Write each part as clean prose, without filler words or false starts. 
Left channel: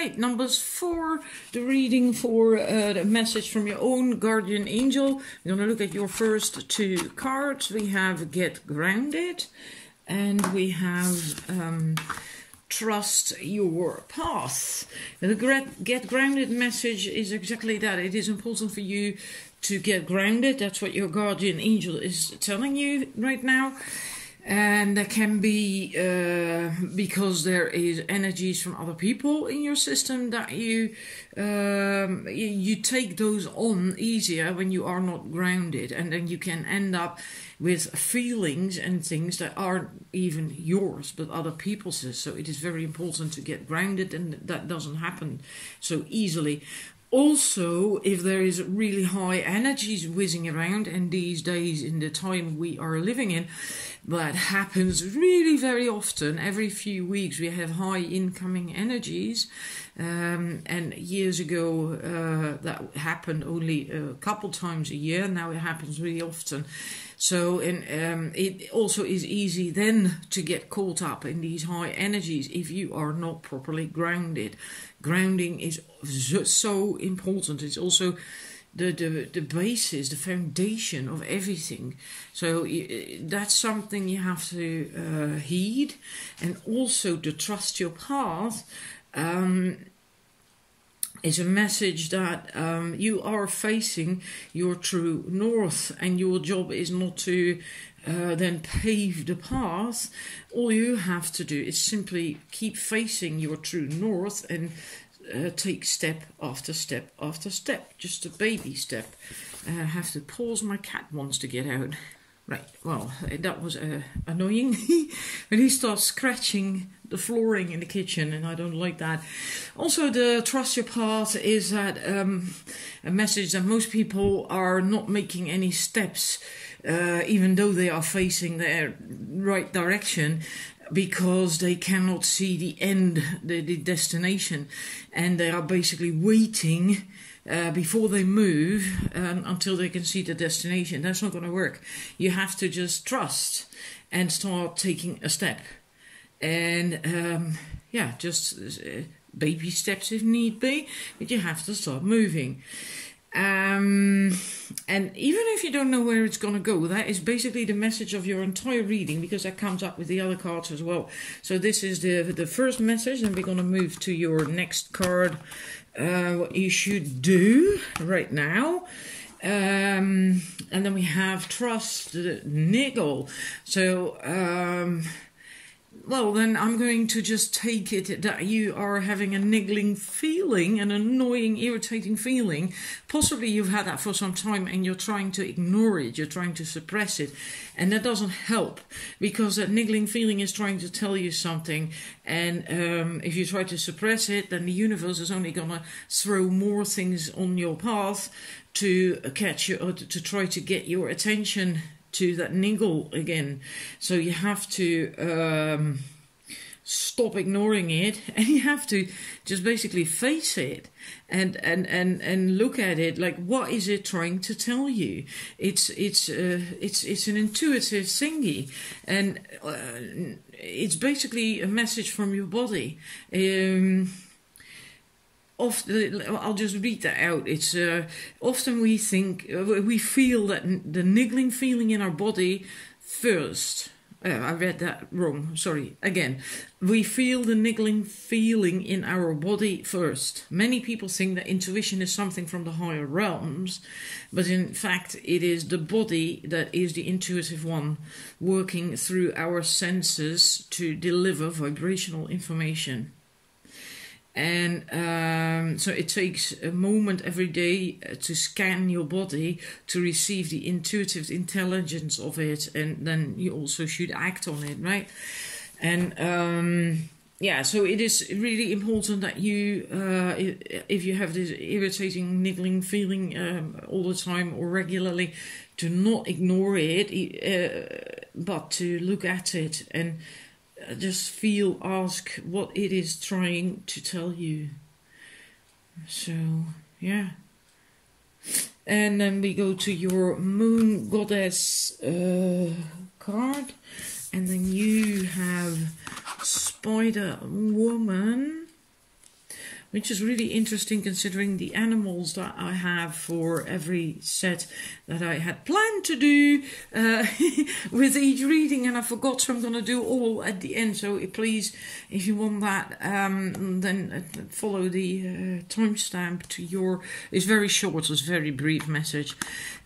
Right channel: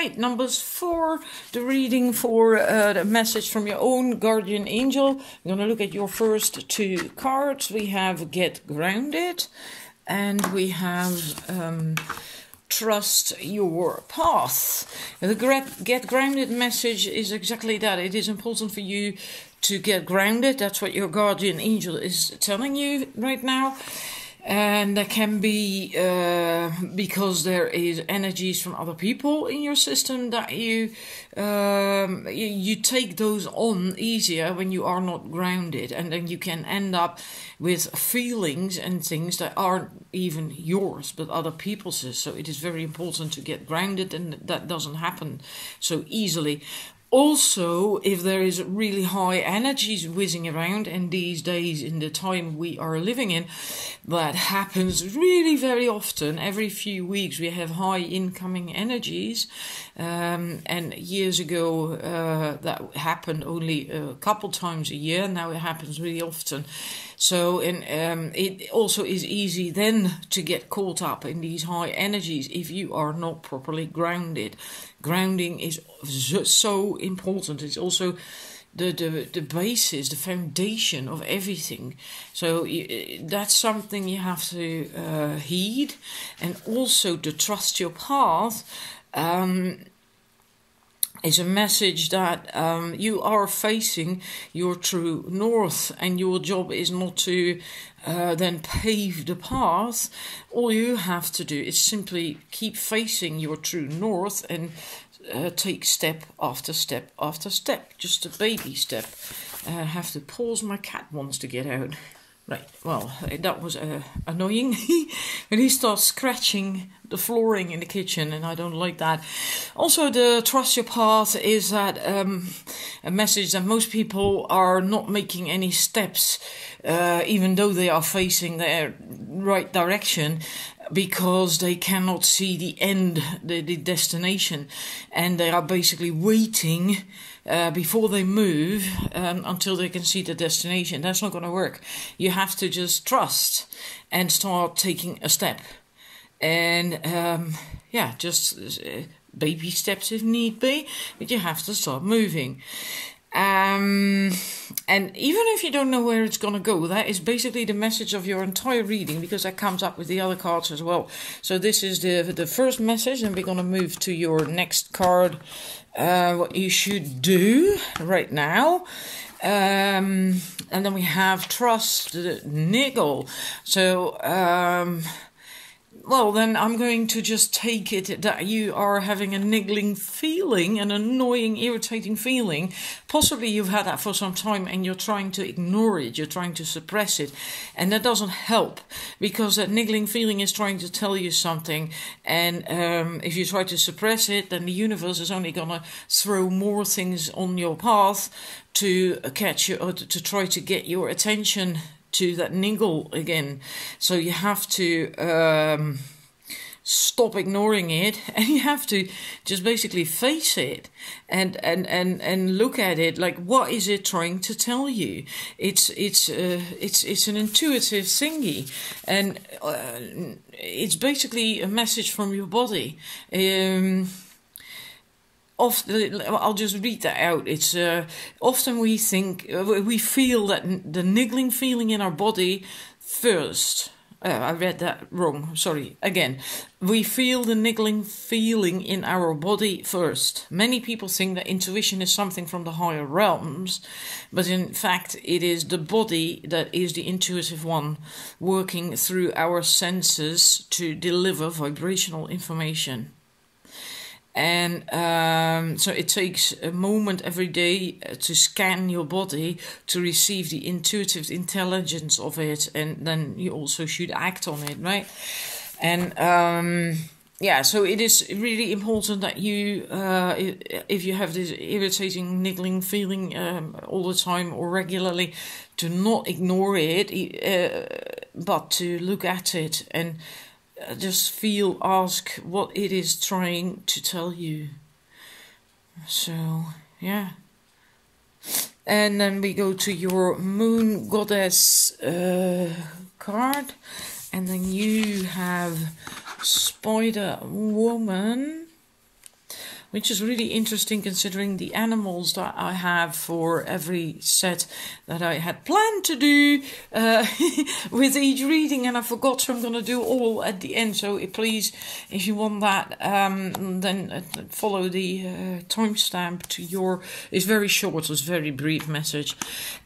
Right, numbers 4, the reading for the message from your own guardian angel. We're going to look at your first 2 cards. We have Get Grounded and we have Trust Your Path. The Get Grounded message is exactly that. It is important for you to get grounded. That's what your guardian angel is telling you right now. And that can be because there is energies from other people in your system that you take those on easier when you are not grounded, and then you can end up with feelings and things that aren't even yours but other people's. So it is very important to get grounded, and that doesn't happen so easily. Also, if there is really high energies whizzing around, and these days in the time we are living in, that happens really very often. Every few weeks we have high incoming energies, and years ago that happened only a couple times a year. Now it happens really often. So it also is easy then to get caught up in these high energies if you are not properly grounded. Grounding is so important. It's also the basis, the foundation of everything. So that's something you have to heed. And also to trust your path is a message that you are facing your true north, and your job is not to then pave the path. All you have to do is simply keep facing your true north and take step after step after step, just a baby step. I have to pause, my cat wants to get out. Right, well, that was annoying. When he starts scratching the flooring in the kitchen, and I don't like that. Also, the Trust Your Path is that a message that most people are not making any steps, even though they are facing the right direction, because they cannot see the end, the destination, and they are basically waiting before they move until they can see the destination. That's not going to work. You have to just trust and start taking a step. And yeah, just baby steps if need be, but you have to start moving. And even if you don't know where it's going to go, that is basically the message of your entire reading, because that comes up with the other cards as well. So this is the first message, and we're going to move to your next card. What you should do right now. And then we have Trust the Niggle. So well, then I'm going to just take it that you are having a niggling feeling, an annoying, irritating feeling. Possibly you've had that for some time and you're trying to ignore it, you're trying to suppress it. And that doesn't help, because that niggling feeling is trying to tell you something. And if you try to suppress it, then the universe is only going to throw more things on your path to catch you, or to try to get your attention to that niggle again. So you have to stop ignoring it, and you have to just basically face it and look at it. Like, what is it trying to tell you? It's an intuitive thingy, and it's basically a message from your body. I'll just read that out. It's often we feel that the niggling feeling in our body first. I read that wrong. Sorry. Again, we feel the niggling feeling in our body first. Many people think that intuition is something from the higher realms, but in fact it is the body that is the intuitive one, working through our senses to deliver vibrational information. And so it takes a moment every day to scan your body to receive the intuitive intelligence of it, and then you also should act on it, right? And yeah, so it is really important that you, if you have this irritating, niggling feeling all the time or regularly, to not ignore it, but to look at it and just ask what it is trying to tell you. So, yeah. And then we go to your Moon Goddess card. And then you have Spider Woman, which is really interesting considering the animals that I have for every set that I had planned to do with each reading, and I forgot, so I'm going to do all at the end. So please, if you want that, then follow the timestamp to your... It's very short, it's a very brief message.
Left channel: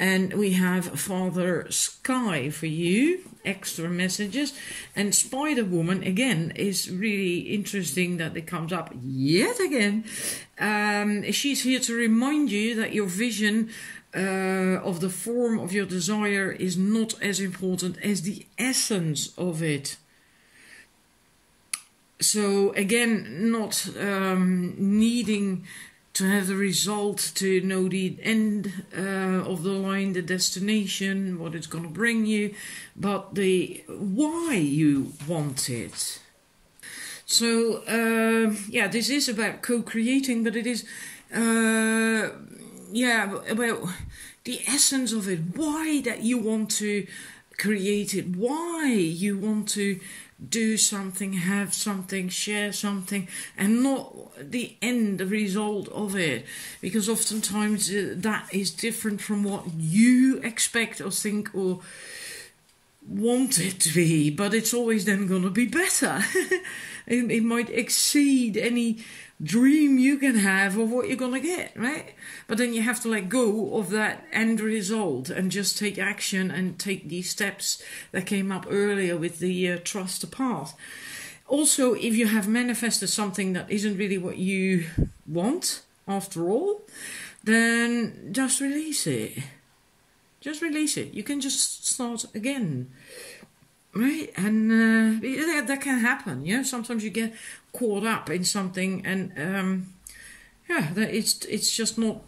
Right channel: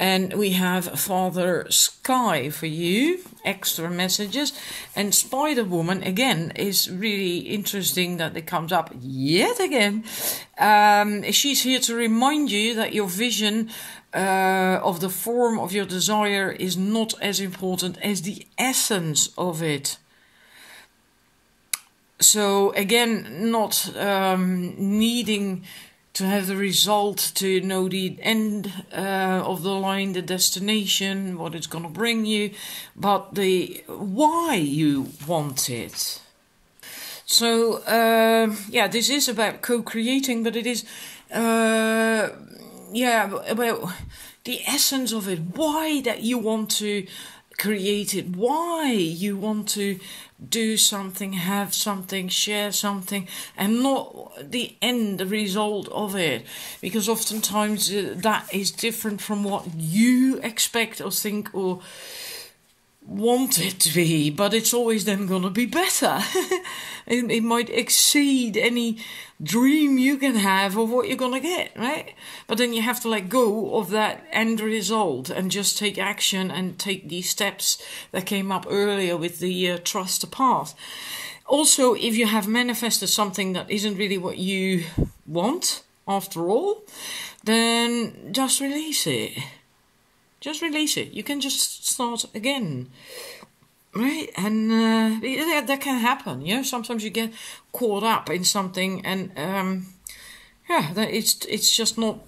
And we have Father Sky for you, extra messages. And Spider-Woman, again, is really interesting that it comes up yet again. She's here to remind you that your vision of the form of your desire is not as important as the essence of it. So again, not needing to have the result, to know the end of the line, the destination, what it's going to bring you, but the why you want it. So, yeah, this is about co-creating, but it is, yeah, about the essence of it, why that you want to create it, why you want to do something, have something, share something, and not the end result of it, because oftentimes that is different from what you expect or think or want it to be, but it's always then going to be better. It might exceed any dream you can have of what you're going to get, right? But then you have to let go of that end result and just take action and take these steps that came up earlier with the trust the path. Also, if you have manifested something that isn't really what you want after all, then just release it. Just release it. You can just start again. Right? And that can happen. You know, sometimes you get caught up in something and yeah, that it's just not,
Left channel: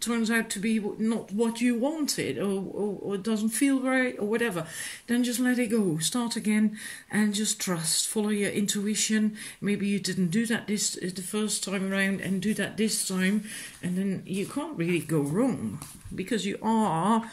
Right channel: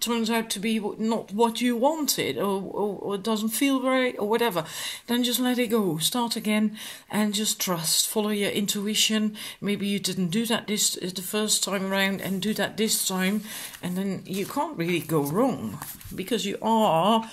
turns out to be not what you wanted, or it doesn't feel right, or whatever. Then just let it go. Start again and just trust. Follow your intuition. Maybe you didn't do that the first time around, and do that this time, and then you can't really go wrong because you are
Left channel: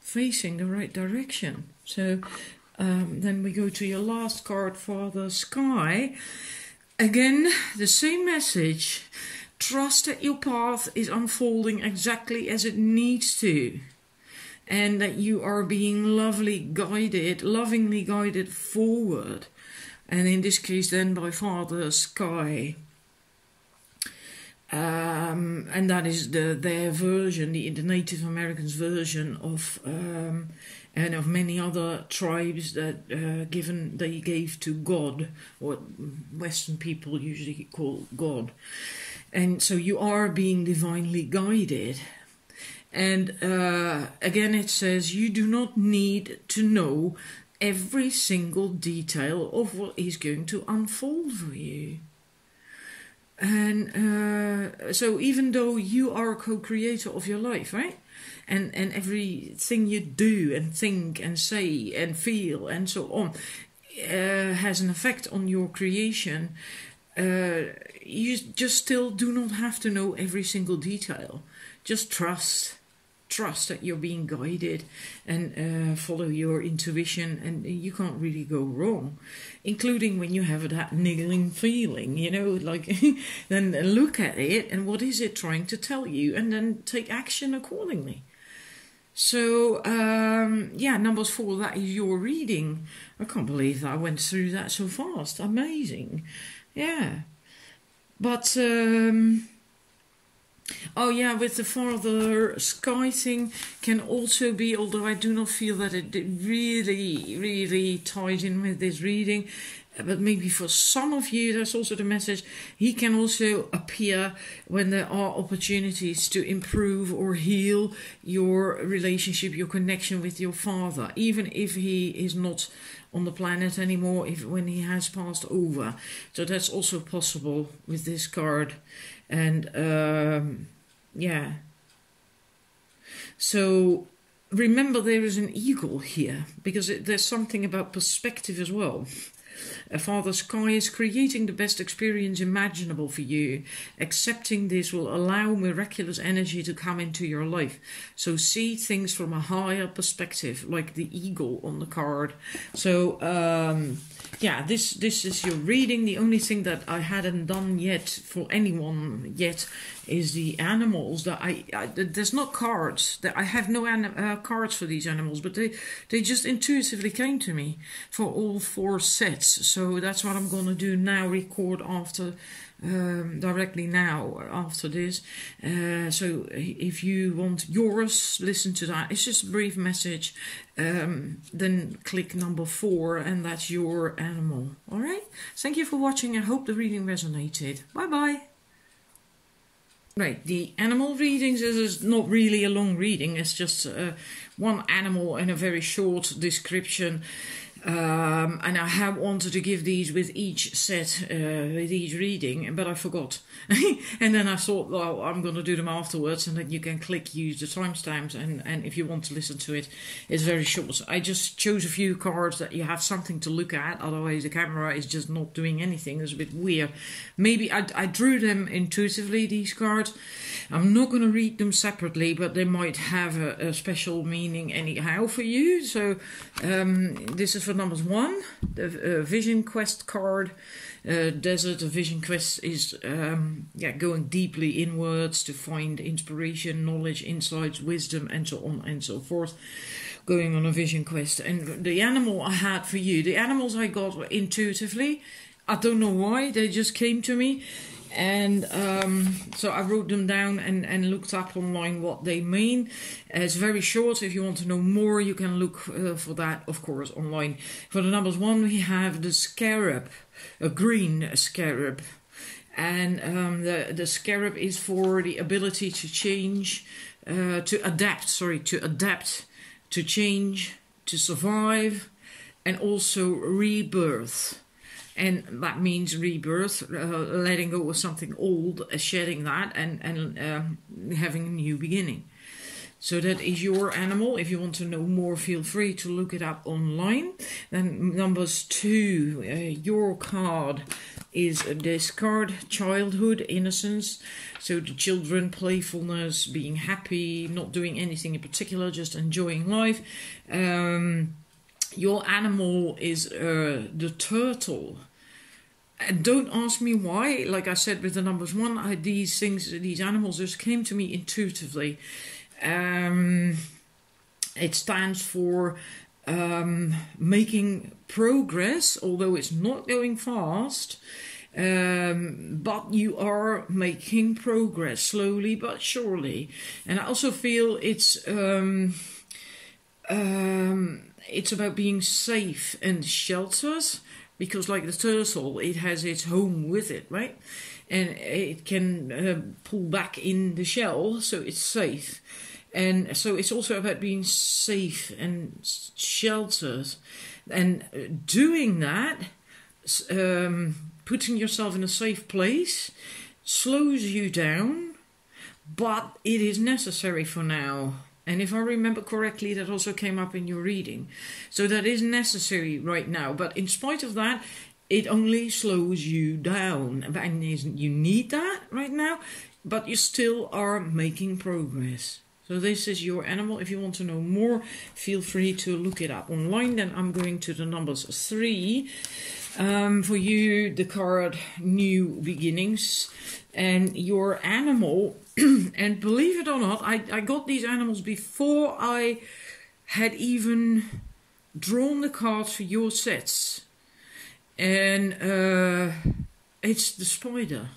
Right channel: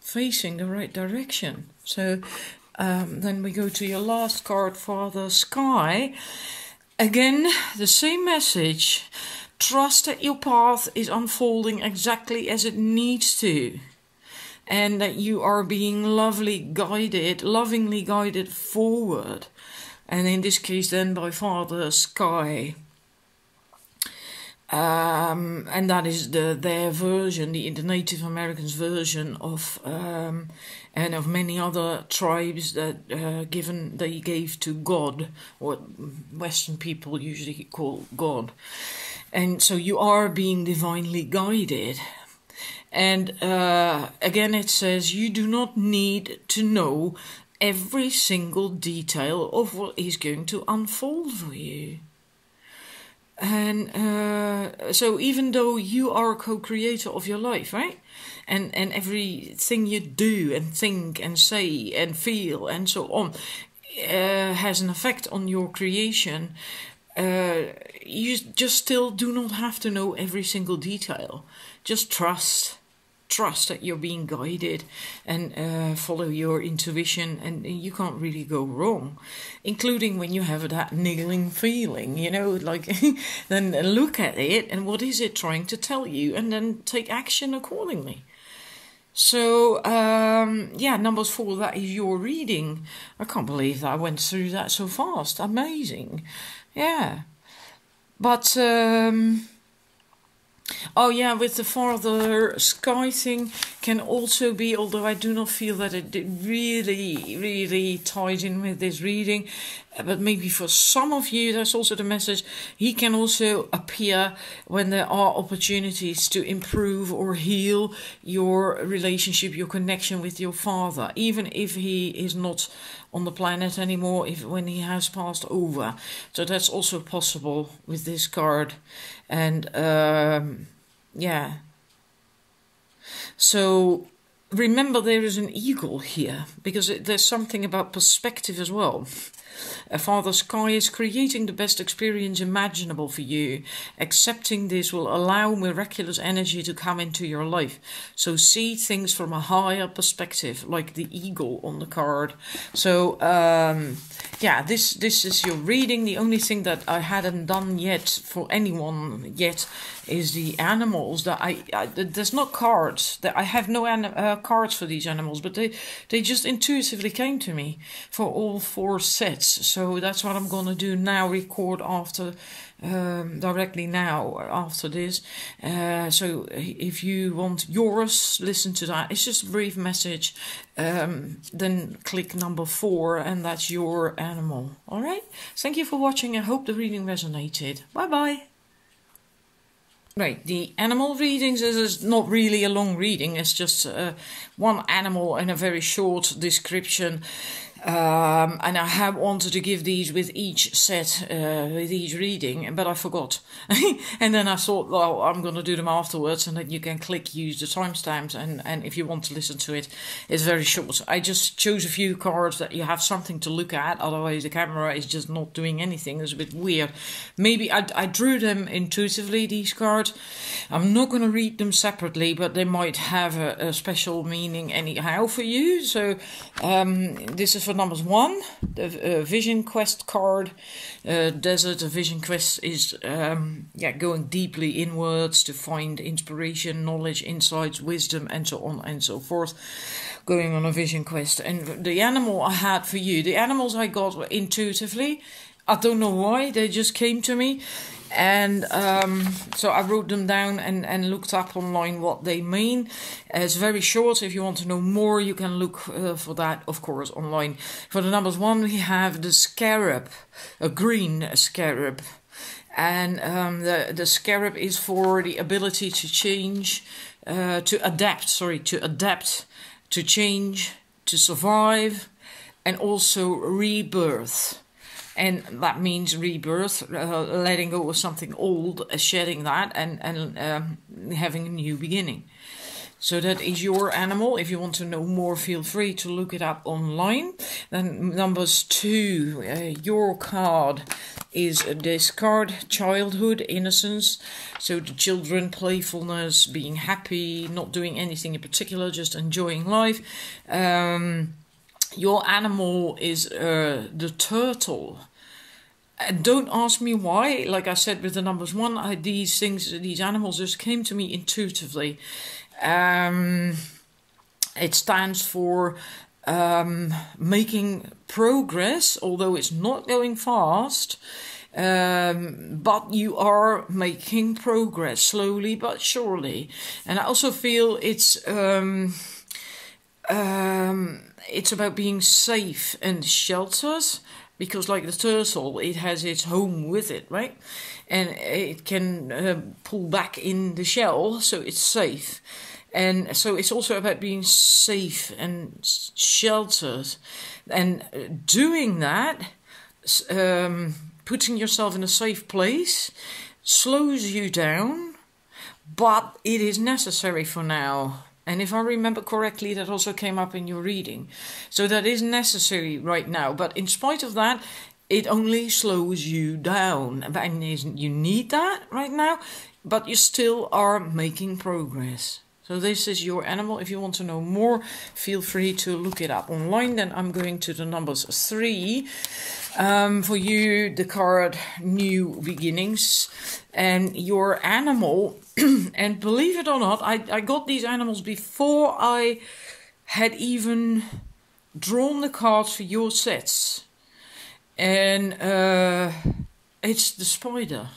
facing the right direction. So then we go to your last card, Father Sky. Again, the same message. Trust that your path is unfolding exactly as it needs to, and that you are being lovingly guided forward. And in this case then by Father Sky. And that is their version, the Native Americans' version of, and of many other tribes that they gave to God, what Western people usually call God. And so you are being divinely guided. And again it says you do not need to know every single detail of what is going to unfold for you. And so even though you are a co-creator of your life, right? And everything you do and think and say and feel and so on has an effect on your creation, you just still do not have to know every single detail. Just trust that you're being guided, and follow your intuition, and you can't really go wrong, including when you have that niggling feeling, you know, like then look at it and what is it trying to tell you, and then take action accordingly. So yeah, number 4, that is your reading. I can't believe that I went through that so fast. Amazing. Yeah. But oh yeah, with the Father Sky thing can also be, although I do not feel that it really ties in with this reading, but maybe for some of you that's also the message. He can also appear when there are opportunities to improve or heal your relationship, your connection with your father, even if he is not on the planet anymore, when he has passed over. So that's also possible with this card. And yeah, so remember there is an eagle here, because there's something about perspective as well. Father Sky is creating the best experience imaginable for you. Accepting this will allow miraculous energy to come into your life. So see things from a higher perspective, like the eagle on the card. So yeah, this is your reading. The only thing that I hadn't done yet for anyone yet is the animals. That there's not cards. That I have no cards for these animals, but they just intuitively came to me for all 4 sets. So that's what I'm gonna do now. Record after. Directly now after this. So if you want yours, listen to that. It's just a brief message. Then click number 4 and that's your animal. Alright? Thank you for watching. I hope the reading resonated. Bye bye. Right, the animal readings is not really a long reading. It's just one animal and a very short description. And I have wanted to give these with each set, with each reading, but I forgot. And then I thought, well, I'm going to do them afterwards, and then you can click use the timestamps, and if you want to listen to it, it's very short. I just chose a few cards that you have something to look at, otherwise the camera is just not doing anything. It's a bit weird. Maybe I drew them intuitively, these cards. I'm not going to read them separately, but they might have a special meaning anyhow for you. So this is for numbers 1, the Vision Quest card. Desert Vision Quest is going deeply inwards to find inspiration, knowledge, insights, wisdom, and so on and so forth. Going on a vision quest. And the animal I had for you, the animals I got were intuitively. I don't know why, they just came to me. And so I wrote them down and looked up online what they mean. It's very short. If you want to know more, you can look for that, of course, online. For the numbers 1, we have the scarab, a green scarab. And the scarab is for the ability to change, to adapt, to change, to survive, and also rebirth. And that means rebirth, letting go of something old, shedding that, and having a new beginning. So that is your animal. If you want to know more, feel free to look it up online. Then numbers 2, your card is this card, childhood, innocence. So the children, playfulness, being happy, not doing anything in particular, just enjoying life. Your animal is the turtle. And don't ask me why. Like I said with the numbers 1, these animals just came to me intuitively. It stands for making progress, although it's not going fast. But you are making progress slowly but surely. And I also feel it's about being safe and sheltered, because like the turtle, it has its home with it, right? And it can pull back in the shell, so it's safe. And so it's also about being safe and sheltered. And doing that, putting yourself in a safe place, slows you down, but it is necessary for now. And if I remember correctly, that also came up in your reading. So that is necessary right now. But in spite of that, it only slows you down. And you need that right now, but you still are making progress. So this is your animal. If you want to know more, feel free to look it up online. Then I'm going to the numbers 3. For you, the card New Beginnings. And your animal, and believe it or not, I got these animals before I had even drawn the cards for your sets. And it's the spider.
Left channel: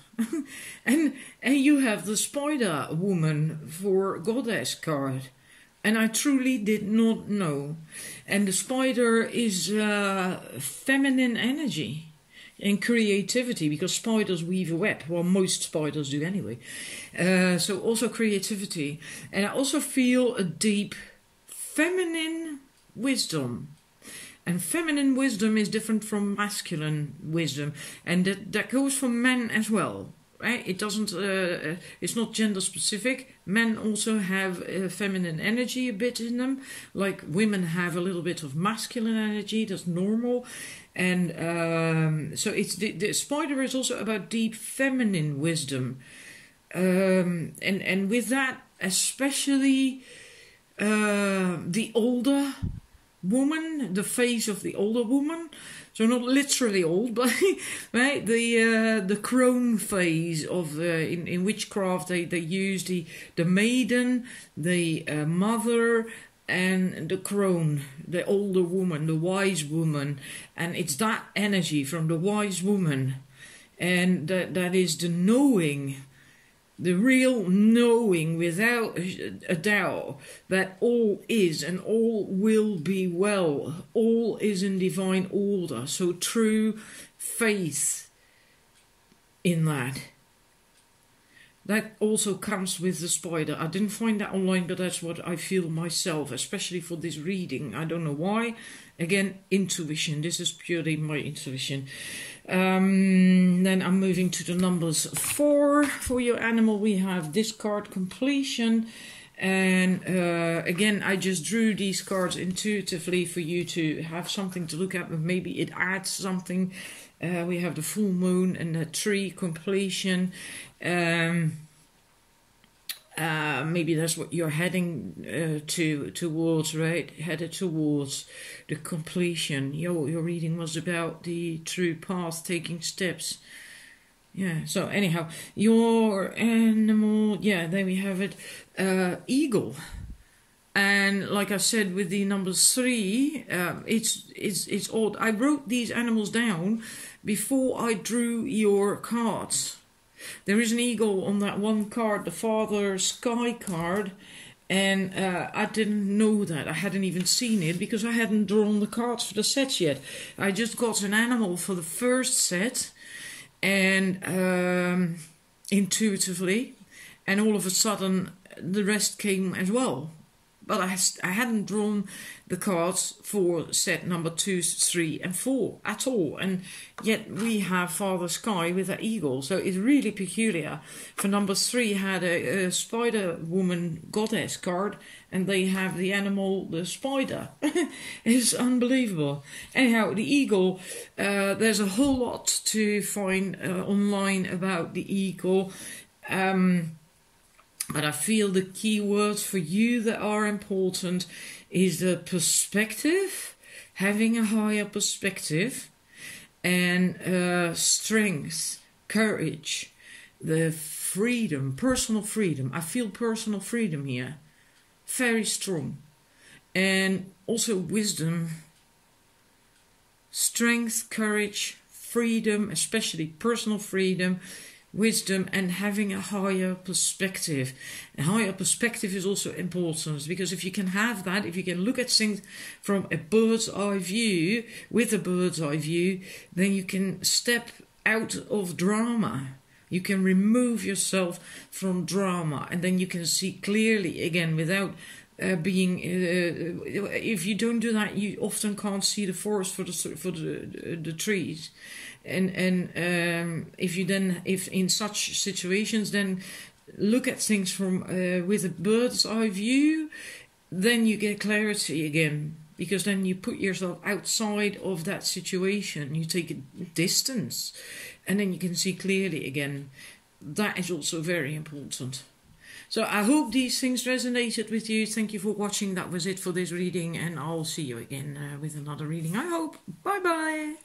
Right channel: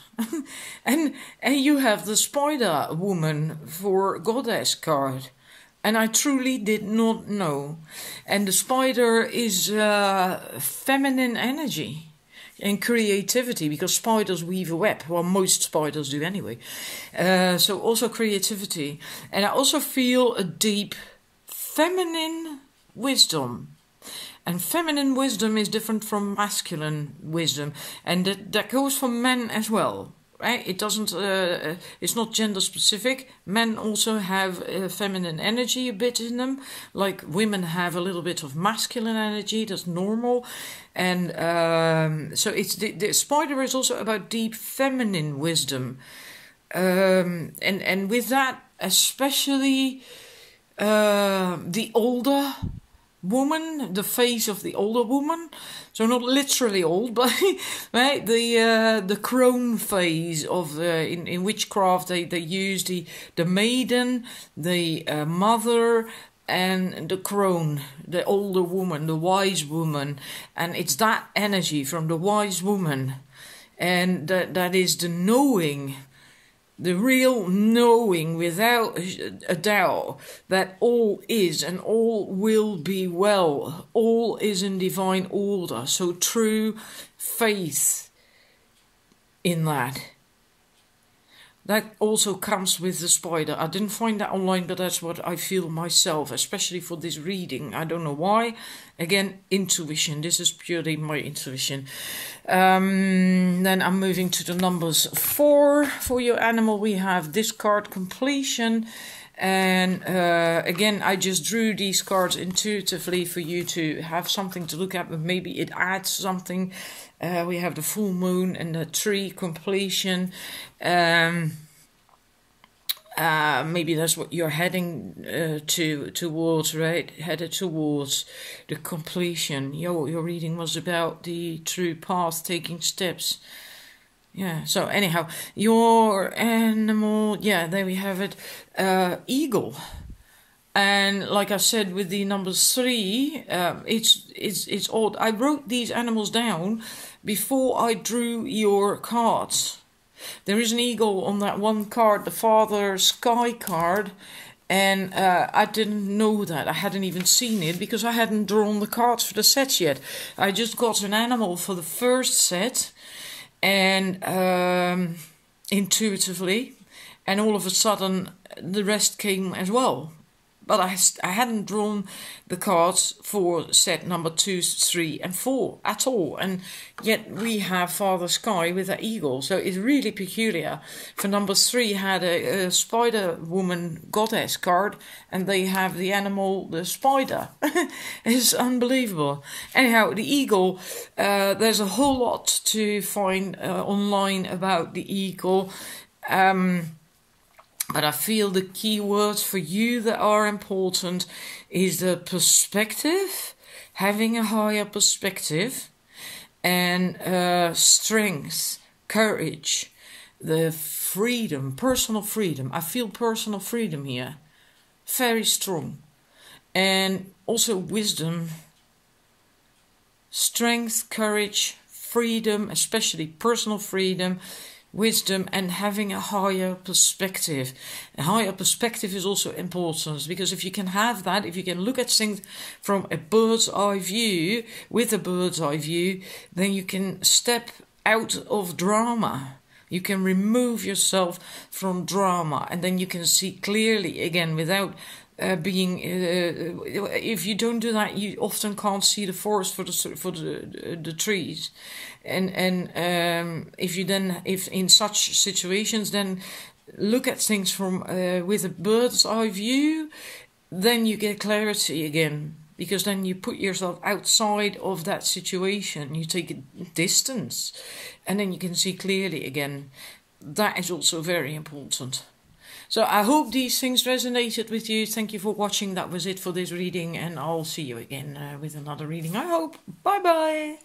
and you have the spider woman for goddess card. And I truly did not know. And the spider is feminine energy and creativity, because spiders weave a web. Well, most spiders do anyway. So also creativity. And I also feel a deep feminine wisdom. And feminine wisdom is different from masculine wisdom. And that goes for men as well. Right? It doesn't, it's not gender specific. Men also have feminine energy a bit in them. Like women have a little bit of masculine energy, that's normal. And so it's the spider is also about deep feminine wisdom, and with that especially the older woman, the face of the older woman. So not literally old, but right, the crone phase of in witchcraft they use the maiden, the mother, and the crone, the older woman, the wise woman, and it's that energy from the wise woman, and that is the knowing. The real knowing without a doubt that all is and all will be well. All is in divine order. So true faith in that. That also comes with the spider. I didn't find that online, but that's what I feel myself, especially for this reading. I don't know why. Again, intuition. This is purely my intuition. Then I'm moving to the numbers 4. For your animal, we have discard completion. And again, I just drew these cards intuitively for you to have something to look at, but maybe it adds something. We have the full moon and the tree completion. Maybe that's what you're heading towards, right? Headed towards the completion. Your reading was about the true path, taking steps. Yeah, so anyhow, your animal, yeah, there we have it, eagle. And like I said, with the number 3, it's odd. I wrote these animals down before I drew your cards. There is an eagle on that one card, the Father Sky card, and I didn't know that. I hadn't even seen it because I hadn't drawn the cards for the sets yet. I just got an animal for the first set, and intuitively, and all of a sudden the rest came as well. But I hadn't drawn the cards for set number 2, 3 and 4 at all. And yet we have Father Sky with an eagle. So it's really peculiar. For number 3 had a spider woman goddess card. And they have the animal, the spider. It's unbelievable. Anyhow, the eagle, there's a whole lot to find online about the eagle. But I feel the key words for you that are important is the perspective, having a higher perspective, and strength, courage, the freedom, personal freedom. I feel personal freedom here, very strong. And also wisdom, strength, courage, freedom, especially personal freedom, wisdom, and having a higher perspective. A higher perspective is also important, because if you can have that, if you can look at things from a bird's eye view, with a bird's eye view, then you can step out of drama. You can remove yourself from drama, and then you can see clearly again without being. If you don't do that, you often can't see the forest for the trees. And if in such situations, then look at things from with a bird's eye view, then you get clarity again, because then you put yourself outside of that situation, you take a distance, and then you can see clearly again. That is also very important. So I hope these things resonated with you. Thank you for watching. That was it for this reading, and I'll see you again with another reading, I hope. Bye bye.